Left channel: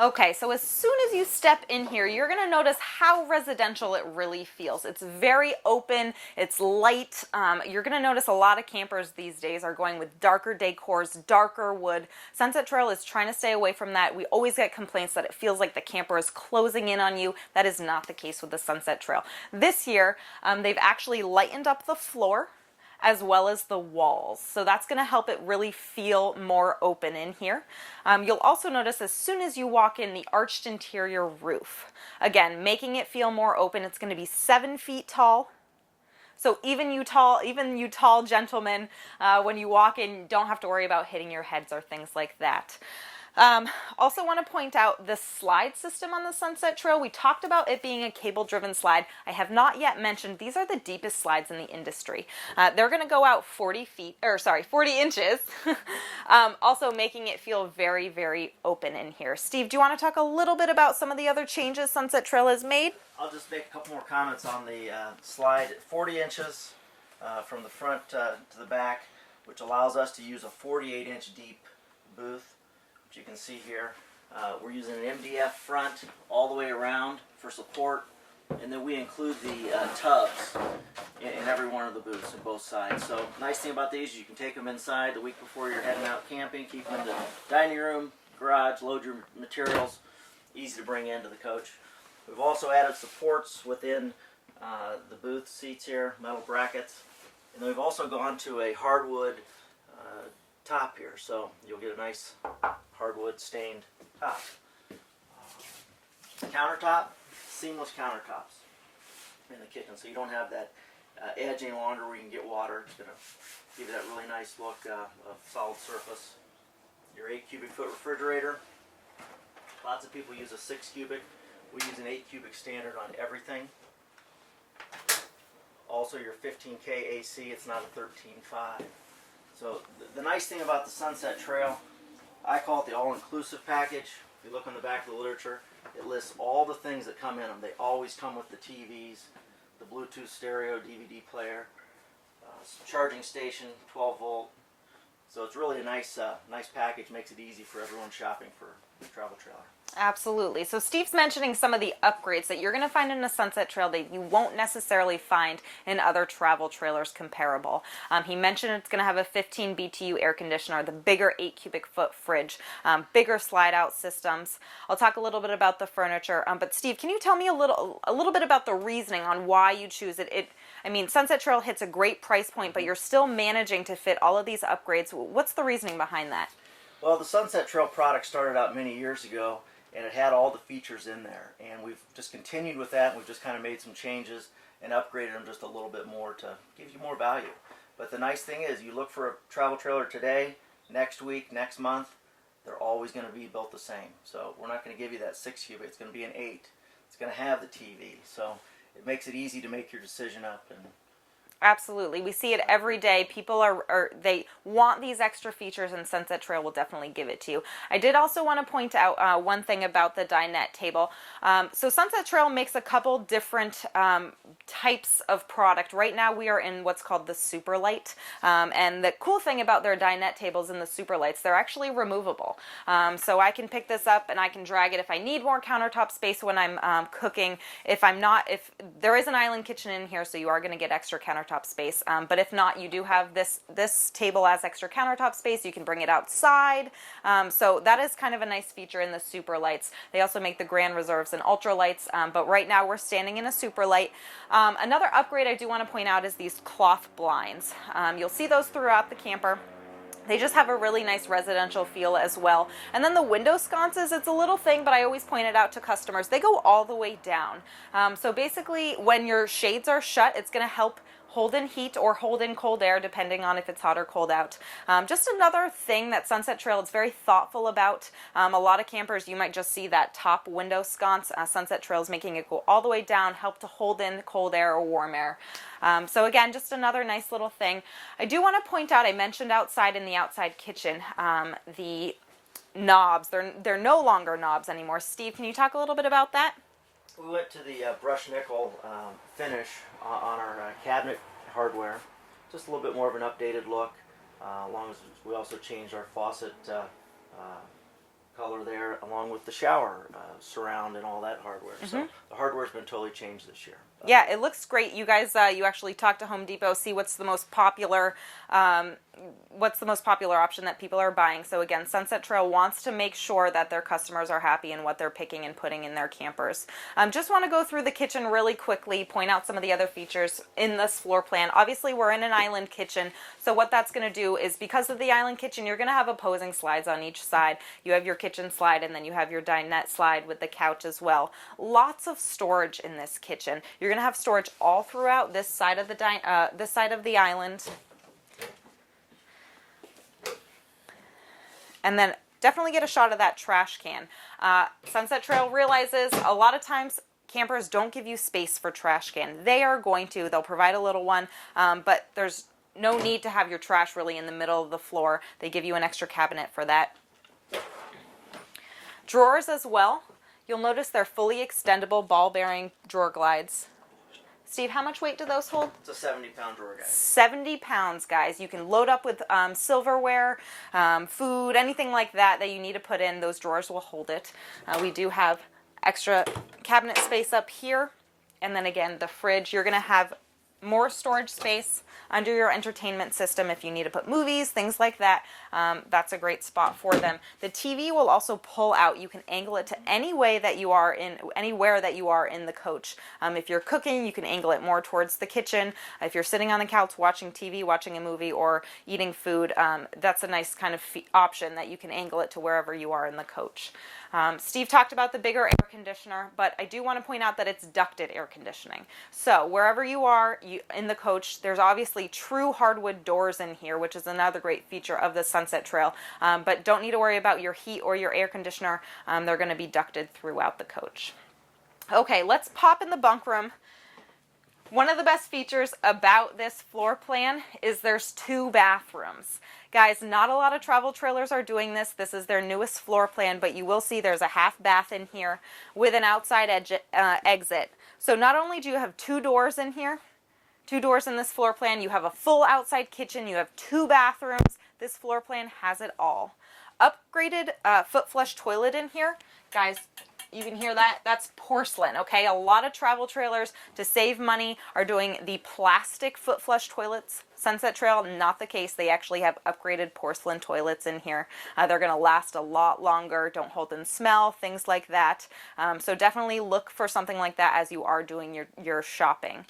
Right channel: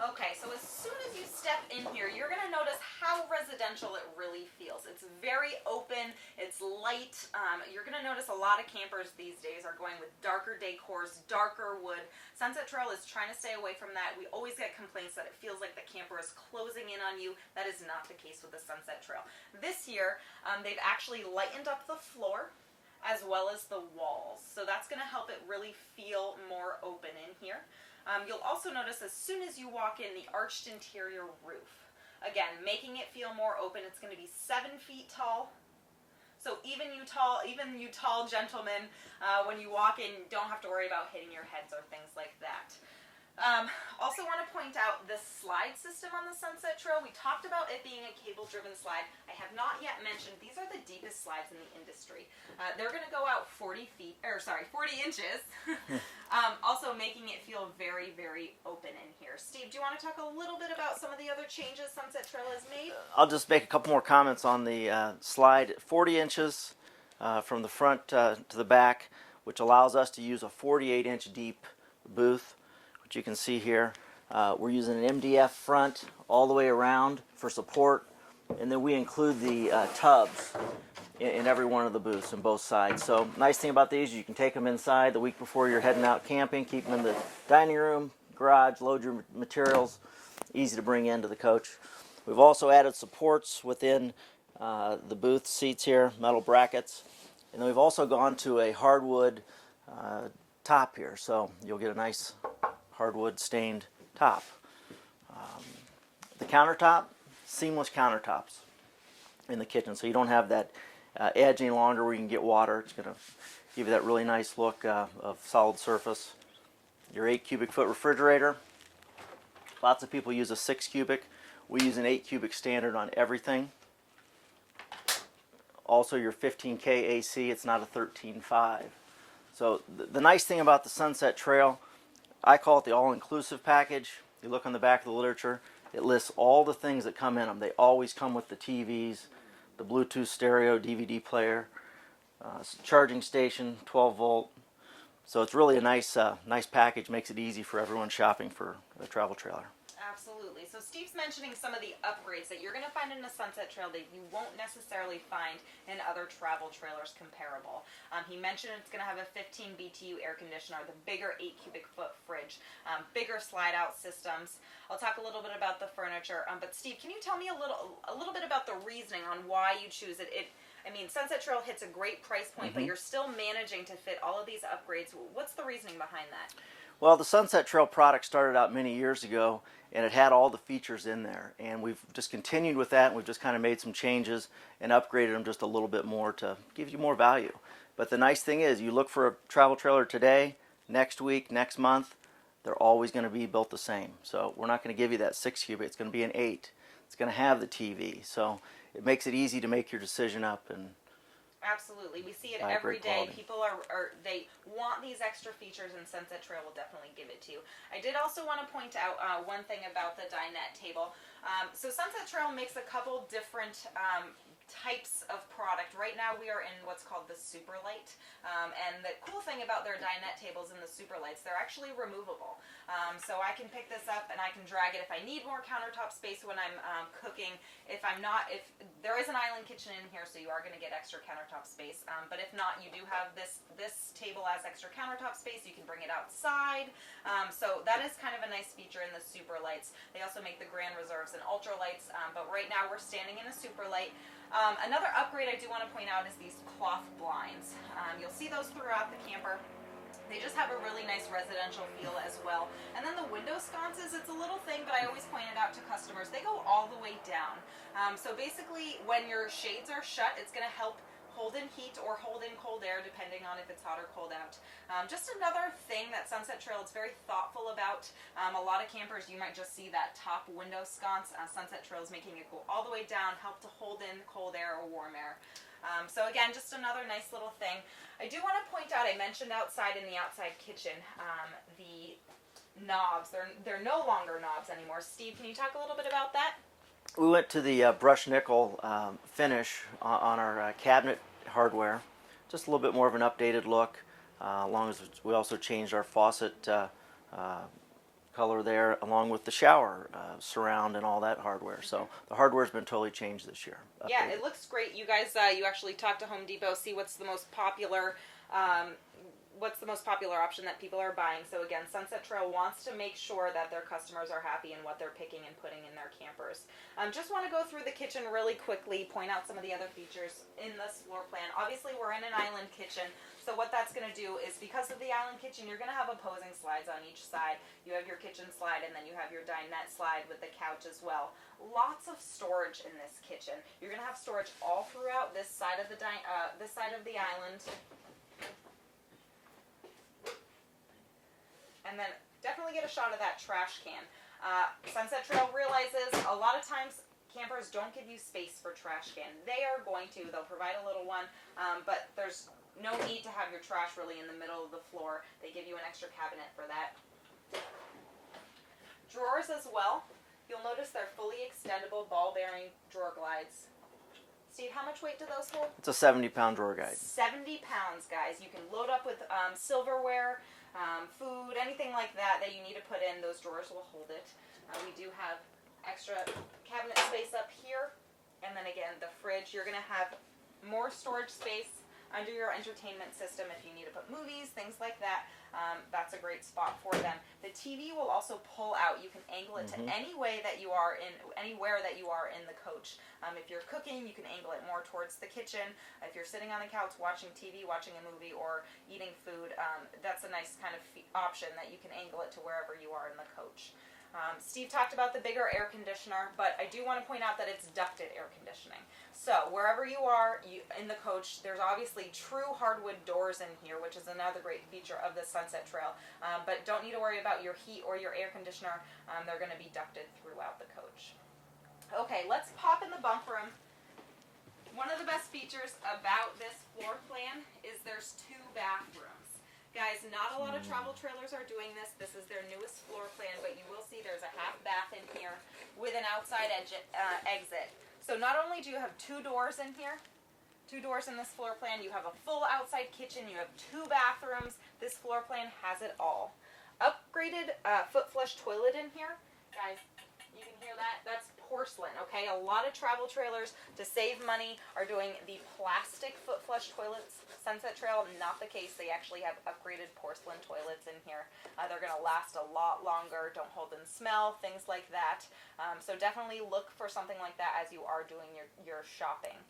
Okay, so as soon as you step in here, you're going to notice how residential it really feels. It's very open, it's light. You're going to notice a lot of campers these days are going with darker decors, darker wood. Sunset Trail is trying to stay away from that. We always get complaints that it feels like the camper is closing in on you. That is not the case with the Sunset Trail. This year, they've actually lightened up the floor as well as the walls. So that's going to help it really feel more open in here. You'll also notice as soon as you walk in the arched interior roof. Again, making it feel more open. It's going to be 7 feet tall. So even you tall gentlemen, when you walk in, you don't have to worry about hitting your heads or things like that. Also want to point out the slide system on the Sunset Trail. We talked about it being a cable-driven slide. I have not yet mentioned these are the deepest slides in the industry. They're going to go out 40 inches, also making it feel very, very open in here. Steve, do you want to talk a little bit about some of the other changes Sunset Trail has made? I'll just make a couple more comments on the slide. 40 inches from the front to the back, which allows us to use a 48-inch deep booth. You can see here, we're using an MDF front all the way around for support, and then we include the tubs in every one of the booths on both sides. So nice thing about these, you can take them inside the week before you're heading out camping, keep them in the dining room, garage, load your materials, easy to bring into the coach. We've also added supports within the booth seats here, metal brackets, and then we've also gone to a hardwood top here, so you'll get a nice hardwood stained top. The countertop, seamless countertops in the kitchen, so you don't have that edge any longer where you can get water. It's going to give you that really nice look of solid surface. Your 8 cubic foot refrigerator. Lots of people use a 6 cubic. We use an 8 cubic standard on everything. Also your 15K AC, it's not a 13.5. So the nice thing about the Sunset Trail, I call it the all-inclusive package. You look on the back of the literature, it lists all the things that come in them. They always come with the TVs, the Bluetooth stereo, DVD player, charging station, 12 volt. So it's really a nice package, makes it easy for everyone shopping for the travel trailer. Absolutely. So Steve's mentioning some of the upgrades that you're going to find in a Sunset Trail that you won't necessarily find in other travel trailers comparable. He mentioned it's going to have a 15 BTU air conditioner, the bigger 8 cubic foot fridge, bigger slide out systems. I'll talk a little bit about the furniture. But Steve, can you tell me a little bit about the reasoning on why you choose it? I mean, Sunset Trail hits a great price point, but you're still managing to fit all of these upgrades. What's the reasoning behind that? Well, the Sunset Trail product started out many years ago, and it had all the features in there, and we've just continued with that. We've just kind of made some changes and upgraded them just a little bit more to give you more value. But the nice thing is, you look for a travel trailer today, next week, next month, they're always going to be built the same. So we're not going to give you that 6 cubic, it's going to be an 8. It's going to have the TV, so it makes it easy to make your decision up. And absolutely. We see it every day. People they want these extra features, and Sunset Trail will definitely give it to you. I did also want to point out one thing about the Dinette Table. So Sunset Trail makes a couple different types of product. Right now we are in what's called the Super Light. And the cool thing about their Dinette Tables and the Super Lights, they're actually removable. So I can pick this up and I can drag it if I need more countertop space when I'm cooking. If there is an island kitchen in here, so you are going to get extra countertop space. But if not, you do have this table as extra countertop space. You can bring it outside. So that is kind of a nice feature in the Super Lights. They also make the Grand Reserves and Ultra Lights, but right now we're standing in a Super Light. Another upgrade I do want to point out is these cloth blinds. You'll see those throughout the camper. They just have a really nice residential feel as well. And then the window sconces, it's a little thing, but I always point it out to customers. They go all the way down. So basically, when your shades are shut, it's going to help hold in heat or hold in cold air, depending on if it's hot or cold out. Just another thing that Sunset Trail is very thoughtful about. A lot of campers, you might just see that top window sconce. Sunset Trail is making it go all the way down, help to hold in cold air or warm air. So again, just another nice little thing. I do want to point out, I mentioned outside in the outside kitchen, the knobs. They're no longer knobs anymore. Steve, can you talk a little bit about that? we went to the brushed nickel finish on our cabinet hardware. Just a little bit more of an updated look, along as we also changed our faucet color there, along with the shower surround and all that hardware. So the hardware's been totally changed this year. Yeah, it looks great. You guys, you actually talk to Home Depot, see what's the most popular option that people are buying. So again, Sunset Trail wants to make sure that their customers are happy in what they're picking and putting in their campers. Just want to go through the kitchen really quickly, point out some of the other features in this floor plan. Obviously, we're in an island kitchen, so what that's going to do is, because of the island kitchen, you're going to have opposing slides on each side. You have your kitchen slide, and then you have your dinette slide with the couch as well. Lots of storage in this kitchen. You're going to have storage all throughout this side of the island. And then definitely get a shot of that trash can. Sunset Trail realizes a lot of times campers don't give you space for trash can. They are going to. They'll provide a little one, but there's no need to have your trash really in the middle of the floor. They give you an extra cabinet for that. Drawers as well. You'll notice they're fully extendable ball-bearing drawer glides. Steve, how much weight do those hold? It's a 70-pound drawer guide. 70 pounds, guys. You can load up with silverware, food, anything like that that you need to put in. Those drawers will hold it. We do have extra cabinet space up here. And then again, the fridge. You're going to have more storage space under your entertainment system if you need to put movies, things like that. That's a great spot for them. The TV will also pull out. You can angle it to anywhere that you are in the coach. If you're cooking, you can angle it more towards the kitchen. If you're sitting on the couch watching TV, watching a movie, or eating food, that's a nice kind of option that you can angle it to wherever you are in the coach. Steve talked about the bigger air conditioner, but I do want to point out that it's ducted air conditioning. So wherever you are in the coach, there's obviously true hardwood doors in here, which is another great feature of the Sunset Trail. But don't need to worry about your heat or your air conditioner. They're going to be ducted throughout the coach. Okay, let's pop in the bunk room. One of the best features about this floor plan is there's 2 bathrooms. Guys, not a lot of travel trailers are doing this. This is their newest floor plan, but you will see there's a half bath in here with an outside exit. So not only do you have 2 doors in here, 2 doors in this floor plan, you have a full outside kitchen, you have 2 bathrooms. This floor plan has it all. Upgraded foot flush toilet in here. Guys, you can hear that? That's porcelain, okay? A lot of travel trailers, to save money, are doing the plastic foot flush toilets. Sunset Trail, not the case. They actually have upgraded porcelain toilets in here. They're going to last a lot longer, don't hold and smell, things like that. So definitely look for something like that as you are doing your shopping.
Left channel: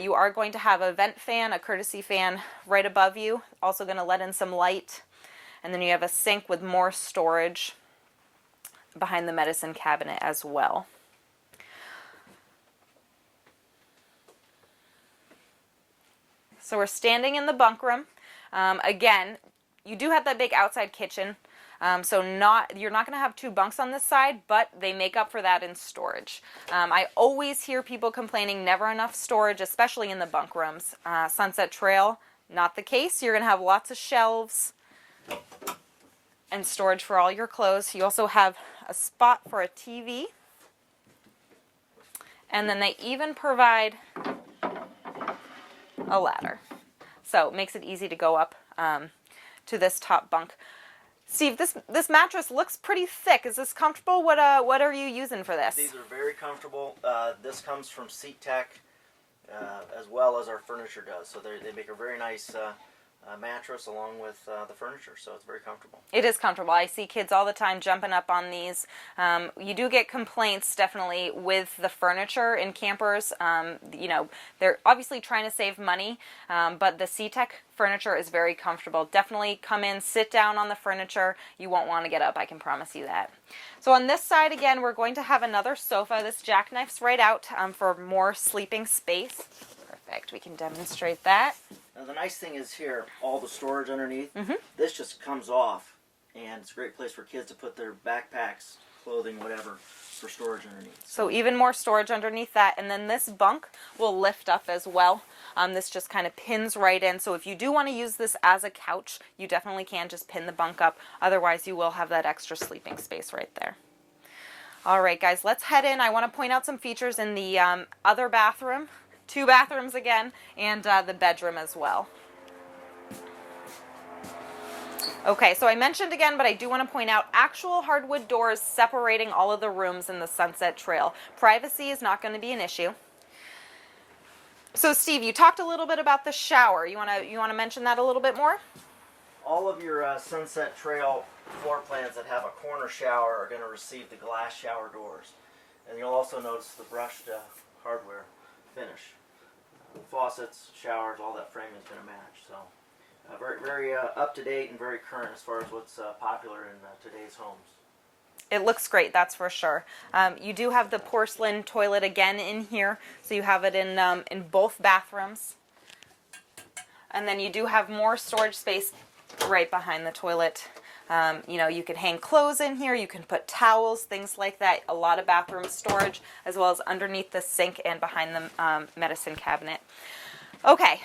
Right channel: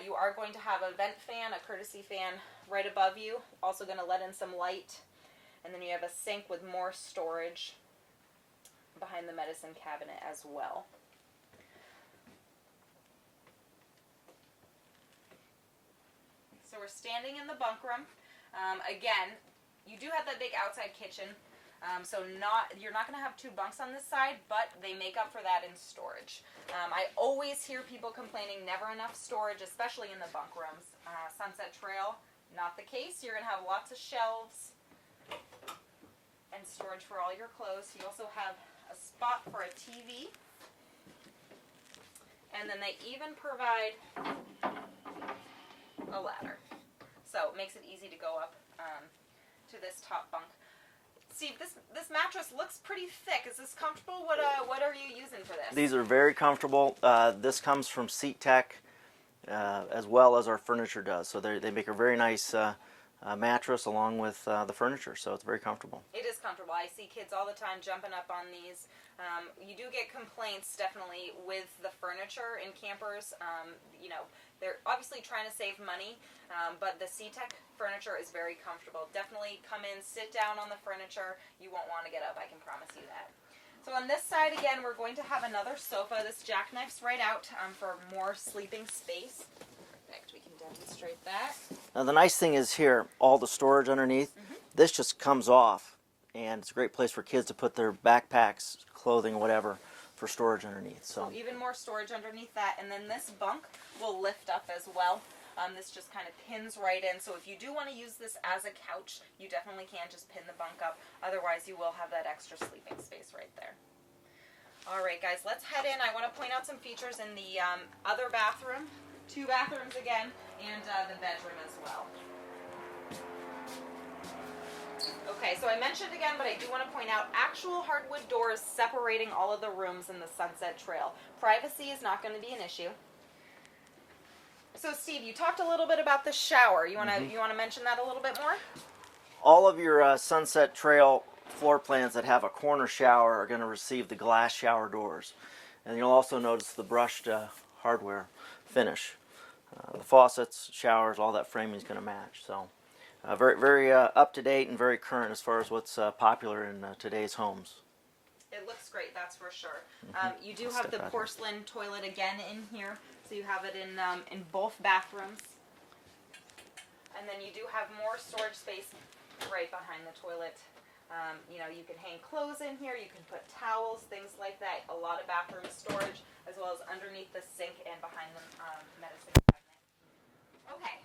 You are going to have a vent fan, a courtesy fan right above you, also going to let in some light. And then you have a sink with more storage behind the medicine cabinet as well. So we're standing in the bunk room. Again, you do have that big outside kitchen, so you're not going to have 2 bunks on this side, but they make up for that in storage. I always hear people complaining never enough storage, especially in the bunk rooms. Sunset Trail, not the case. You're going to have lots of shelves and storage for all your clothes. You also have a spot for a TV, and then they even provide a ladder. So it makes it easy to go up to this top bunk. Steve, this mattress looks pretty thick. Is this comfortable? What are you using for this? These are very comfortable. This comes from Seat Tech as well as our furniture does. So they make a very nice mattress along with the furniture, so it's very comfortable. It is comfortable. I see kids all the time jumping up on these. You do get complaints definitely with the furniture in campers. They're obviously trying to save money, but the SeaTech furniture is very comfortable. Definitely come in, sit down on the furniture. You won't want to get up, I can promise you that. So on this side, again, we're going to have another sofa. This jackknifes right out for more sleeping space. Perfect. We can demonstrate that. Now the nice thing is here, all the storage underneath, this just comes off, and it's a great place for kids to put their backpacks, clothing, whatever, for storage underneath. So even more storage underneath that, and then this bunk will lift up as well. This just kind of pins right in, so if you do want to use this as a couch, you definitely can just pin the bunk up. Otherwise, you will have that extra sleeping space right there. All right, guys, let's head in. I want to point out some features in the other bathroom. 2 bathrooms again, and the bedroom as well. Okay, so I mentioned again, but I do want to point out actual hardwood doors separating all of the rooms in the Sunset Trail. Privacy is not going to be an issue. So Steve, you talked a little bit about the shower. You want to mention that a little bit more? All of your Sunset Trail floor plans that have a corner shower are going to receive the glass shower doors. And you'll also notice the brushed hardware finish. The faucets, showers, all that framing is going to match. So very, very up to date and very current as far as what's popular in today's homes. It looks great, that's for sure. You do have the porcelain toilet again in here, so you have it in both bathrooms. And then you do have more storage space right behind the toilet. You know, you can hang clothes in here, you can put towels, things like that. A lot of bathroom storage, as well as underneath the sink and behind the medicine cabinet. Okay.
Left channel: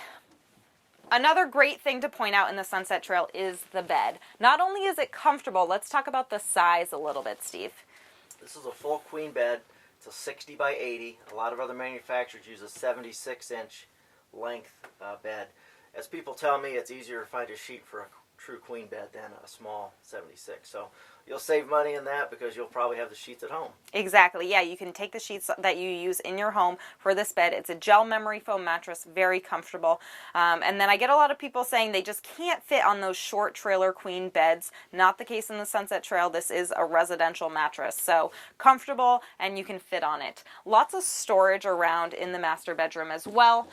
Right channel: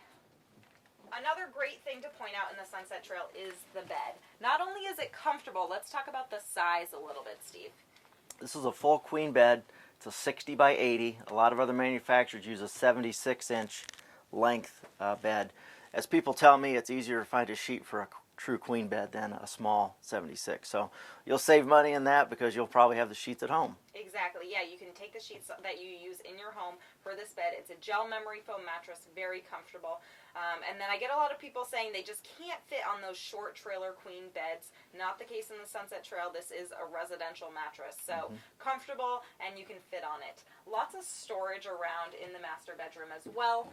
Another great thing to point out in the Sunset Trail is the bed. Not only is it comfortable, let's talk about the size a little bit, Steve. This is a full queen bed. It's a 60 by 80. A lot of other manufacturers use a 76-inch length bed. As people tell me, it's easier to find a sheet for a true queen bed than a small 76. So you'll save money in that because you'll probably have the sheets at home. Exactly. Yeah, you can take the sheets that you use in your home for this bed. It's a gel memory foam mattress, very comfortable. And then I get a lot of people saying they just can't fit on those short trailer queen beds. Not the case in the Sunset Trail. This is a residential mattress. So comfortable and you can fit on it. Lots of storage around in the master bedroom as well.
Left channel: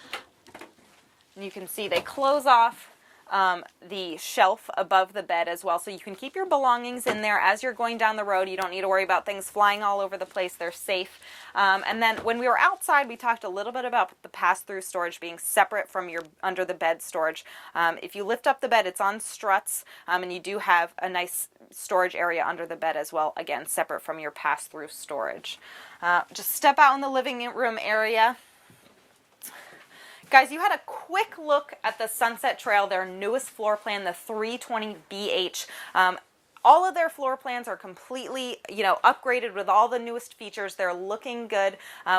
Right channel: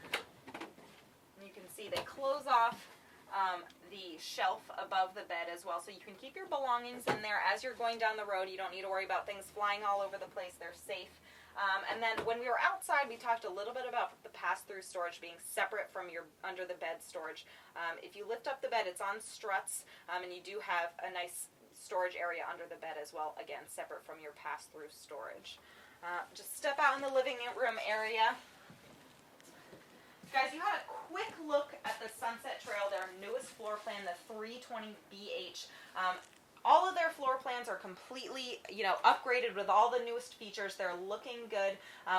You can see they close off the shelf above the bed as well, so you can keep your belongings in there as you're going down the road. You don't need to worry about things flying all over the place. They're safe. And then when we were outside, we talked a little bit about the pass-through storage being separate from your under the bed storage. If you lift up the bed, it's on struts, and you do have a nice storage area under the bed as well, again separate from your pass-through storage. Just step out in the living room area. Guys, you had a quick look at the Sunset Trail, their newest floor plan, the 320BH. All of their floor plans are completely, upgraded with all the newest features. They're looking good.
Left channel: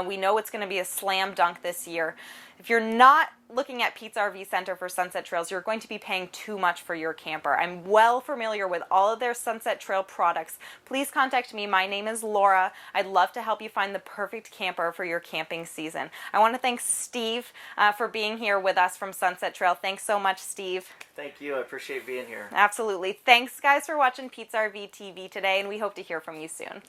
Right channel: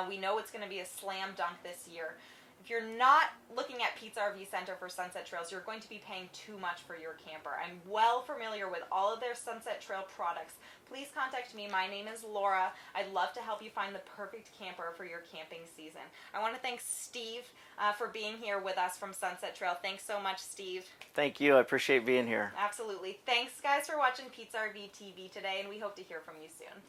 We know it's going to be a slam dunk this year. If you're not looking at Pete's RV Center for Sunset Trails, you're going to be paying too much for your camper. I'm well familiar with all of their Sunset Trail products. Please contact me. My name is Laura. I'd love to help you find the perfect camper for your camping season. I want to thank Steve for being here with us from Sunset Trail. Thanks so much, Steve. Thank you. I appreciate being here. Absolutely. Thanks, guys, for watching Pete's RV TV today, and we hope to hear from you soon.